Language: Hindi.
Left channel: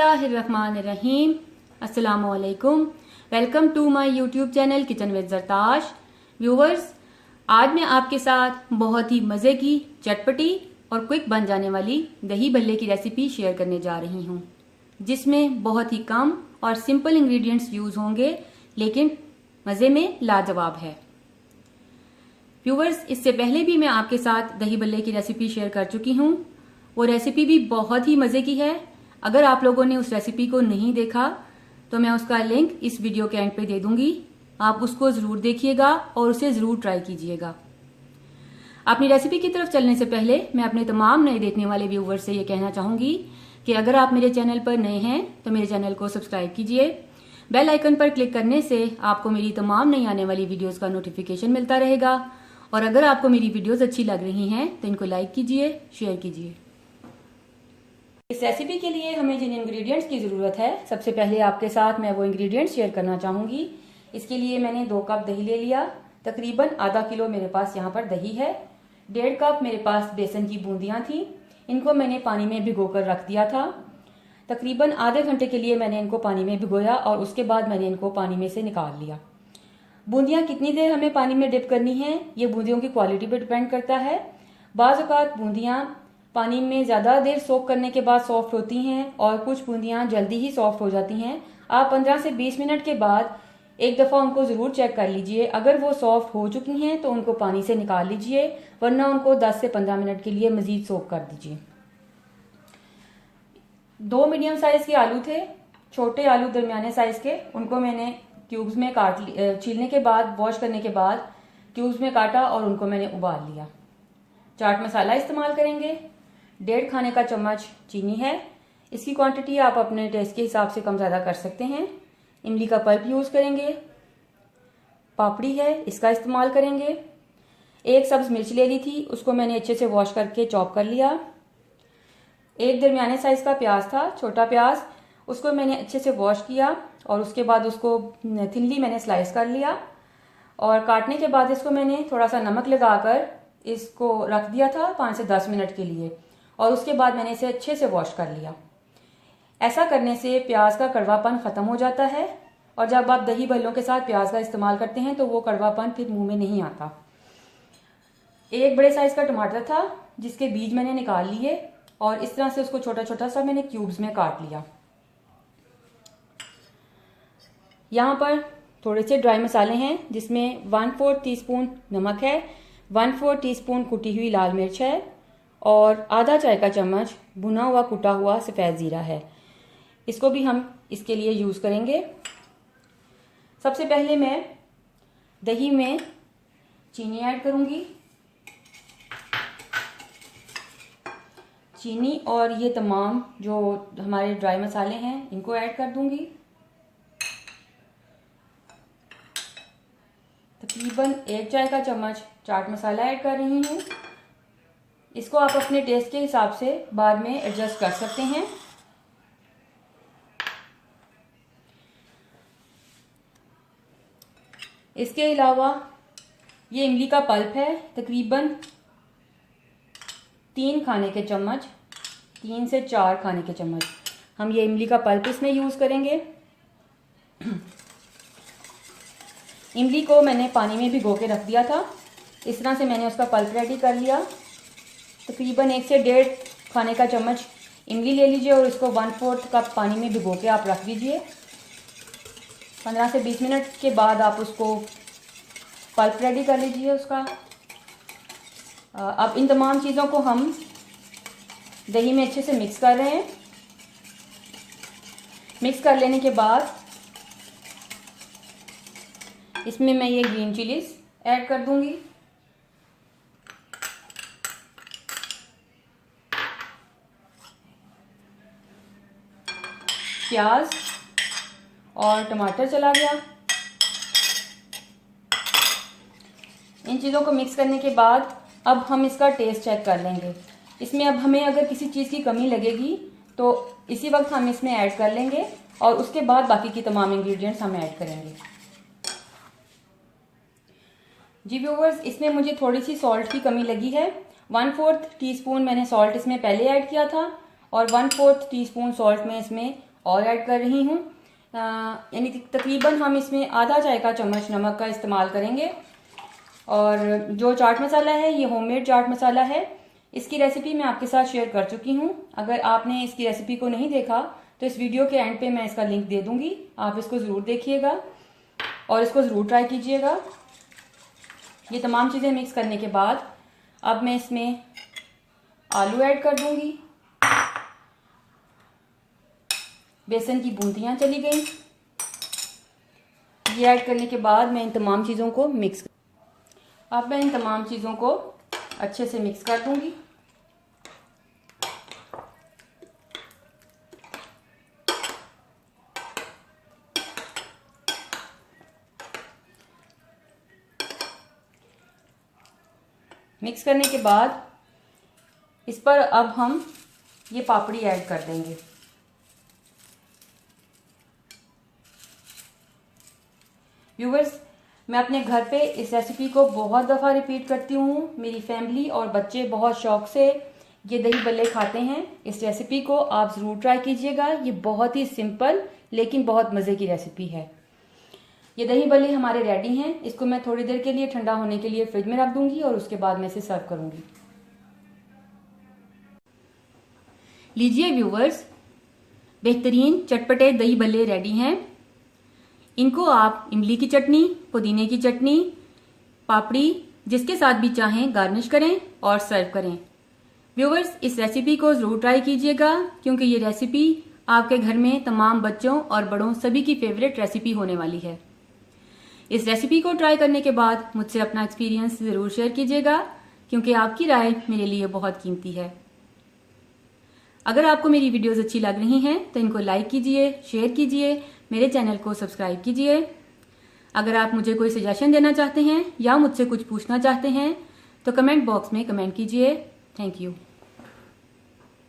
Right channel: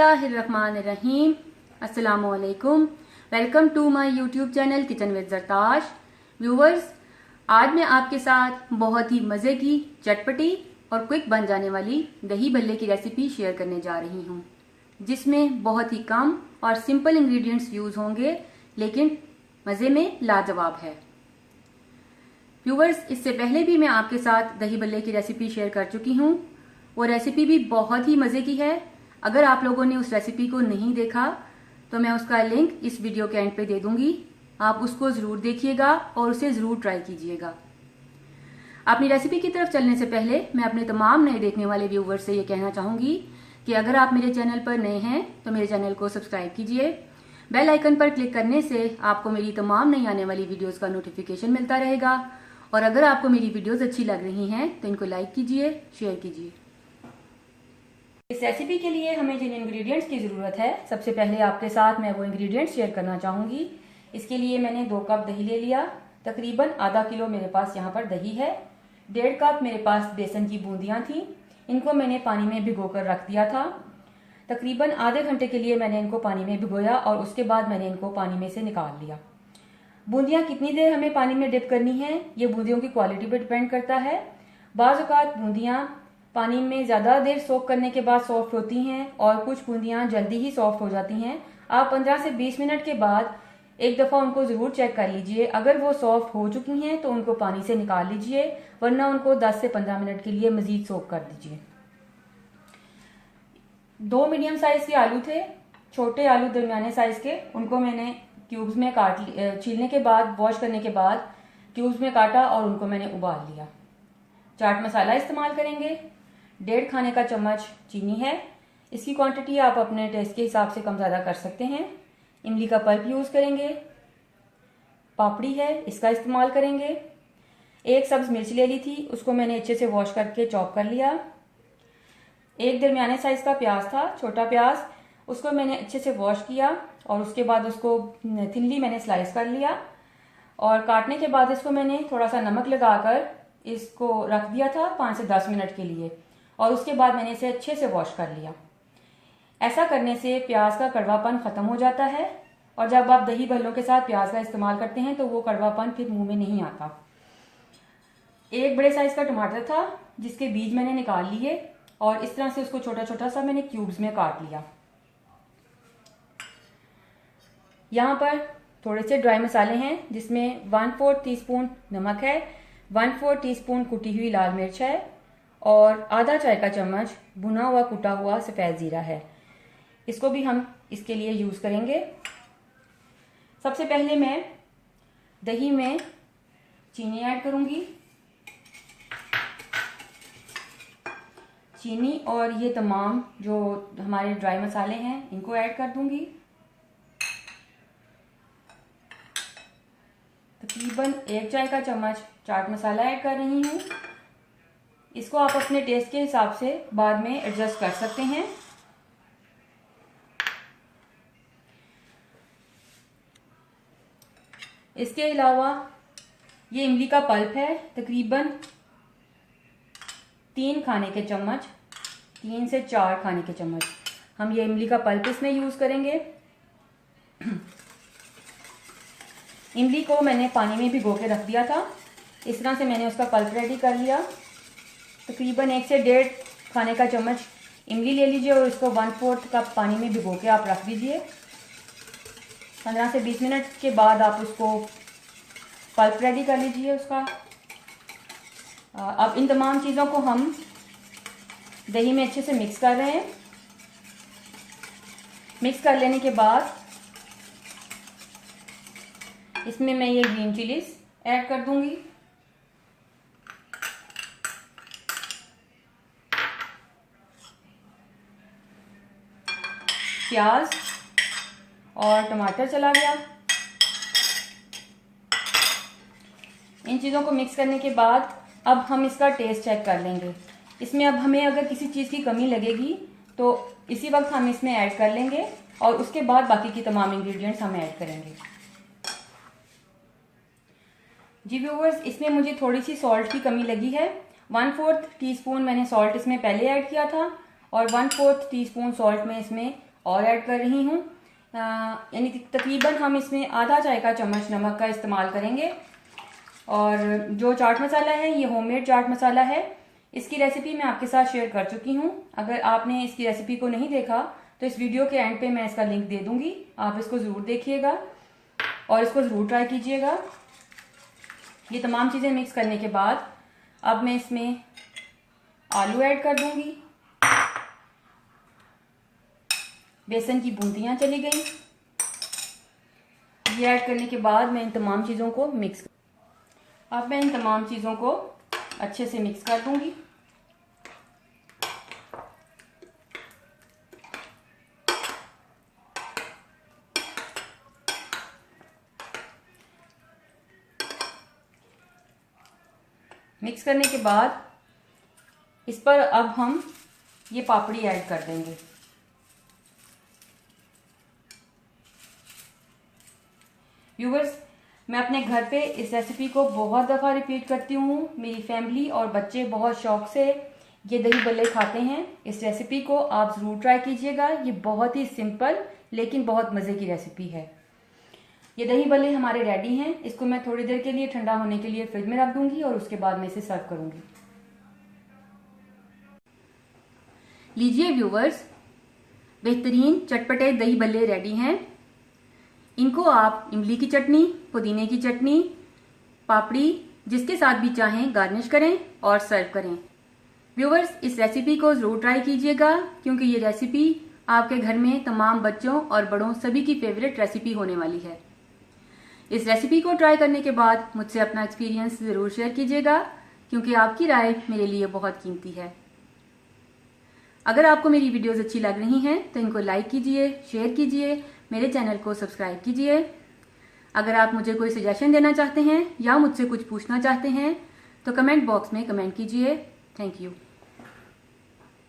बिस्मिल्लाहिर्रहमानिर्रहीम। अस्सलामुअलैकुम। Welcome to my YouTube channel kitchen with Zartash. Viewers, आज मैं आपके साथ बहुत ही मज़े की, चटपटी और क्विक बन जाने वाली दही भल्ले की रेसिपी शेयर करने जा रही हूँ, जिसमें बहुत ही कम और सिंपल इंग्रेडिएंट्स यूज़ होंगे, लेकिन मज़े में लाजवाब है। व्यूवर्स, इससे पहले भी मैं आपके साथ दही भल्ले की रेसिपी शेयर कर चुकी हूँ। वो रेसिपी भी बहुत ही मज़े की है। अगर आप लोगों ने उस रेसिपी को नहीं देखा तो मैं उसका लिंक इस वीडियो के एंड पे दे दूंगी। आप उसको ज़रूर देखिएगा और उसे ज़रूर ट्राई कीजिएगा। अपनी रेसिपी की तरफ चलने से पहले मैं अपने तमाम नए देखने वाले व्यूवर्स से ये कहना चाहूँगी कि अगर आप मेरे चैनल पर नए हैं तो मेरे चैनल को सब्सक्राइब कीजिए। बेल आइकन पर क्लिक करने से आपको मेरी तमाम नई आने वाली वीडियोज़ का नोटिफिकेशन मिलता रहेगा। और अगर आपको मेरी वीडियोज़ अच्छी लग रही हैं तो इनको लाइक कीजिए, शेयर कीजिए। इस रेसिपी के लिए हमें जिन इंग्रेडिएंट्स की ज़रूरत है, सबसे पहले आपके साथ मैं वो इंग्रेडिएंट्स शेयर करना चाहूँगी। इसके लिए मैंने 2 कप दही ले लिया। तकरीबन आधा किलो मेरे पास यहाँ पर दही है। 1.5 कप मेरे पास बेसन की बूंदियाँ थीं। इनको मैंने पानी में भिगो कर रख दिया था। तकरीबन आधे घंटे के लिए मैंने इनको पानी में भिगोया और उसके बाद मैंने इनको पानी में से निकाल लिया। बूंदियाँ कितनी देर हमें पानी में डिप करनी है, ये बूंदियों की क्वालिटी पर डिपेंड करता है। बाज़ औक़ात बूंदियाँ पानी में ज़्यादा देर सोक करने के बाद सॉफ्ट होती हैं और कुछ बूंदियाँ जल्दी ही सॉफ्ट हो जाती हैं। आप 15 से 20 मिनट के बाद एक दफ़ा उनको ज़रूर चेक कर लीजिए। अगर वो सॉफ्ट हो चुकी हैं तो उनको पानी से निकाल लीजिए, वरना उनको 10 से 15 मिनट के लिए मज़ीद सोक कर दीजिए। 2 मीडियम साइज़ के आलू थे, छोटे आलू दरमियाने साइज़ के। उनको मैंने क्यूब्स में छीलने के बाद, वॉश करने के बाद क्यूब्स में काटा और उनको मैंने उबाल लिया। चाट मसाला इस्तेमाल करेंगे। 1.5 खाने का चम्मच चीनी है। इसकी क्वांटिटी आप अपने टेस्ट के हिसाब से कम ज़्यादा कर सकते हैं। इमली का पल्प यूज़ करेंगे। पापड़ी है, इसका इस्तेमाल करेंगे। 1 सब्ज़ मिर्च ले ली थी, उसको मैंने अच्छे से वॉश करके चॉप कर लिया। 1 दरमियाने साइज़ का प्याज था, छोटा प्याज, उसको मैंने अच्छे से वॉश किया और उसके बाद उसको थिनली मैंने स्लाइस कर लिया। और काटने के बाद इसको मैंने थोड़ा सा नमक लगाकर इसको रख दिया था 5 से 10 मिनट के लिए, और उसके बाद मैंने इसे अच्छे से वॉश कर लिया। ऐसा करने से प्याज का कड़वापन ख़त्म हो जाता है और जब आप दही भल्लों के साथ प्याज का इस्तेमाल करते हैं तो वो कड़वापन फिर मुंह में नहीं आता। 1 बड़े साइज़ का टमाटर था, जिसके बीज मैंने निकाल लिए और इस तरह से उसको छोटा छोटा सा मैंने क्यूब्स में काट लिया। यहाँ पर थोड़े से ड्राई मसाले हैं, जिसमें 1/4 टीस्पून नमक है, 1/4 टीस्पून कुटी हुई लाल मिर्च है और आधा चाय का चम्मच भुना हुआ कुटा हुआ सफ़ेद ज़ीरा है। इसको भी हम इसके लिए यूज़ करेंगे। सबसे पहले मैं दही में चीनी ऐड करूँगी। चीनी और ये तमाम जो हमारे ड्राई मसाले हैं इनको ऐड कर दूँगी। तकरीबन 1 चाय का चम्मच चाट मसाला ऐड कर रही हूँ। इसको आप अपने टेस्ट के हिसाब से बाद में एडजस्ट कर सकते हैं। इसके अलावा ये इमली का पल्प है, तकरीबन 3 खाने के चम्मच, 3 से 4 खाने के चम्मच हम ये इमली का पल्प इसमें यूज़ करेंगे। इमली को मैंने पानी में भिगो के रख दिया था। इस तरह से मैंने उसका पल्प रेडी कर लिया। तकरीबन 1 से 1.5 खाने का चम्मच इमली ले लीजिए और इसको 1/4 कप पानी में भिगो के आप रख दीजिए। 15 से 20 मिनट के बाद आप उसको पल्प रेडी कर लीजिए उसका। अब इन तमाम चीज़ों को हम दही में अच्छे से मिक्स कर रहे हैं। मिक्स कर लेने के बाद इसमें मैं ये ग्रीन चिलीज ऐड कर दूंगी। प्याज और टमाटर चला गया। इन चीज़ों को मिक्स करने के बाद अब हम इसका टेस्ट चेक कर लेंगे। इसमें अब हमें अगर किसी चीज़ की कमी लगेगी तो इसी वक्त हम इसमें ऐड कर लेंगे और उसके बाद बाकी की तमाम इंग्रेडिएंट्स हम ऐड करेंगे। जी व्यूवर्स, इसमें मुझे थोड़ी सी सॉल्ट की कमी लगी है। 1/4 टीस्पून मैंने सॉल्ट इसमें पहले ऐड किया था और 1/4 टीस्पून सॉल्ट मैं इसमें और ऐड कर रही हूँ। यानी तकरीबन हम इसमें आधा चाय का चम्मच नमक का इस्तेमाल करेंगे। और जो चाट मसाला है ये होममेड चाट मसाला है। इसकी रेसिपी मैं आपके साथ शेयर कर चुकी हूँ। अगर आपने इसकी रेसिपी को नहीं देखा तो इस वीडियो के एंड पे मैं इसका लिंक दे दूंगी, आप इसको ज़रूर देखिएगा और इसको ज़रूर ट्राई कीजिएगा। ये तमाम चीज़ें मिक्स करने के बाद अब मैं इसमें आलू ऐड कर दूंगी। बेसन की बूंदियाँ चली गई। ये ऐड करने के बाद मैं इन तमाम चीज़ों को अब मैं इन तमाम चीज़ों को अच्छे से मिक्स कर दूंगी। मिक्स करने के बाद इस पर अब हम ये पापड़ी ऐड कर देंगे। व्यूअर्स, मैं अपने घर पे इस रेसिपी को बहुत दफ़ा रिपीट करती हूँ। मेरी फैमिली और बच्चे बहुत शौक से ये दही बल्ले खाते हैं। इस रेसिपी को आप ज़रूर ट्राई कीजिएगा। ये बहुत ही सिंपल लेकिन बहुत मज़े की रेसिपी है। ये दही बल्ले हमारे रेडी हैं। इसको मैं थोड़ी देर के लिए ठंडा होने के लिए फ्रिज में रख दूंगी और उसके बाद मैं इसे सर्व करूंगी। लीजिए व्यूवर्स, बेहतरीन चटपटे दही बल्ले रेडी हैं। इनको आप इमली की चटनी, पुदीने की चटनी, पापड़ी, जिसके साथ भी चाहें गार्निश करें और सर्व करें। व्यूवर्स, इस रेसिपी को ज़रूर ट्राई कीजिएगा क्योंकि ये रेसिपी आपके घर में तमाम बच्चों और बड़ों सभी की फेवरेट रेसिपी होने वाली है। इस रेसिपी को ट्राई करने के बाद मुझसे अपना एक्सपीरियंस ज़रूर शेयर कीजिएगा क्योंकि आपकी राय मेरे लिए बहुत कीमती है। अगर आपको मेरी वीडियोस अच्छी लग रही हैं तो इनको लाइक कीजिए, शेयर कीजिए, मेरे चैनल को सब्सक्राइब कीजिए। अगर आप मुझे कोई सजेशन देना चाहते हैं या मुझसे कुछ पूछना चाहते हैं तो कमेंट बॉक्स में कमेंट कीजिए। Thank you.